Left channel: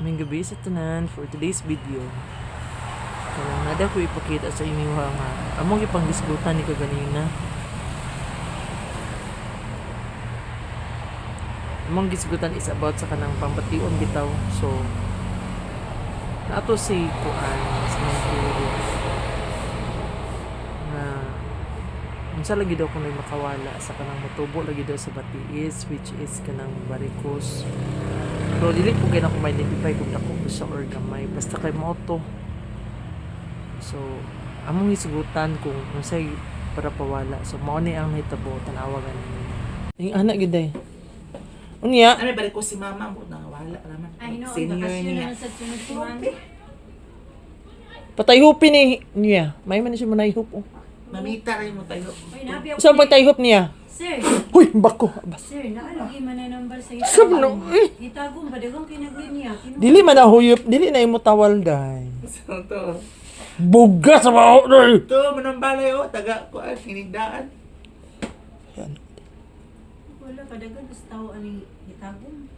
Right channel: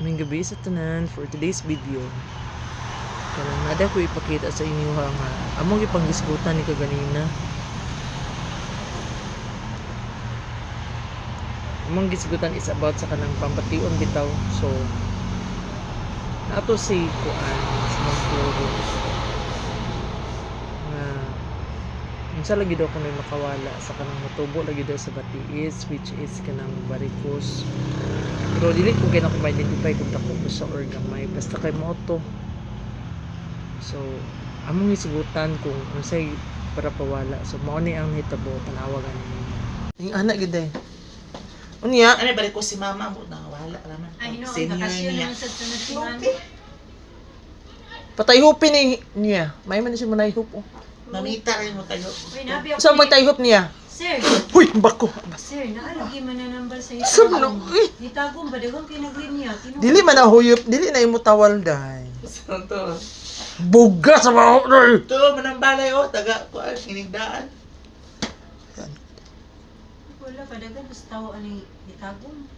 May gabi sa tanan for today's video. Kanang nada ko ipakita sa inyo nga among ipanggisgutan ni kaganina. Among gisgutan is about sa kanang pampation bitaw. So nato si kuan sa Mampuro nga unsa lagi daw kuno makawala sa kanang motubo lagi daw sa batiis, which is kanang varicose. Pero dili ko kaya na ko ma-identify kung dako ba siya or gamay. Basta kay mo to. So, among hisugutan kung unsay para pawala. So, mao ni ang nahitabo tanawa ganin. Ang anak gid ay. Unya, Ano balik ko si mama mo wala raman. Ay, no, Senior bakasyon niya. naman sa tunasiman. patayhupin ni niya. May man siya manayhup. Oh. Mamita rin mo tayo. Uy, nabi ako. Sa patayhup niya. Sir, Huy, bako. sir, naalagi man na number sa Sabno. Itagong ba dagang kinagwin niya? Dili man na huyop, dili na imo tawal day. Saan to? Buga sa baho day. Ito, manambalay taga ko hinigdaan. Wala pa dagang gusto tawo ani itagong.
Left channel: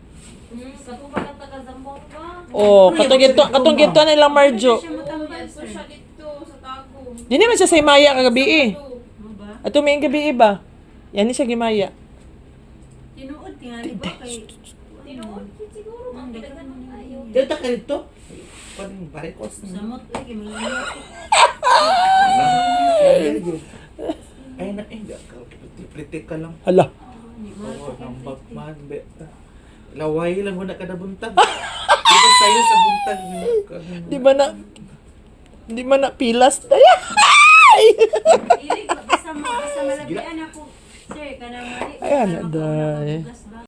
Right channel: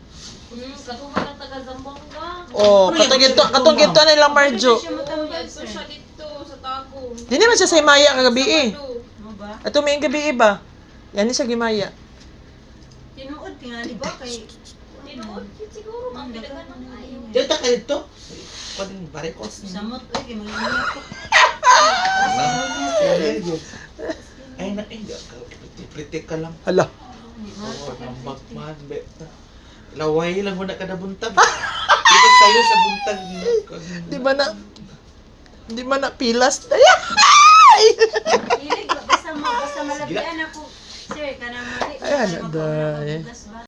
Katuman ang taga-Zamboanga. Oh, katong ginto nila Marjo. Siya matambal, So sir. siya dito sa Tagum. Dili man siya sa Maya kagabi eh. Mo ba? Ato may gabi ba? Yan ni siya gimaya. Tinuod tingali ba kay Tinuod, siguro mga pinagan ng ayaw. Dito ka dito. Pwedeng barikos niya. samot uy kay magluya ko. Ay na, pretty ka lang. Hala. Oo, ang bagman, be. Laway lang mo na kada buntag. Dito sa'yo sa buntag niya. Di ba na pilas? Ilig basta malabian ako. Sir, kanang mali. Ayan, Magkauna aday. mabugas ba?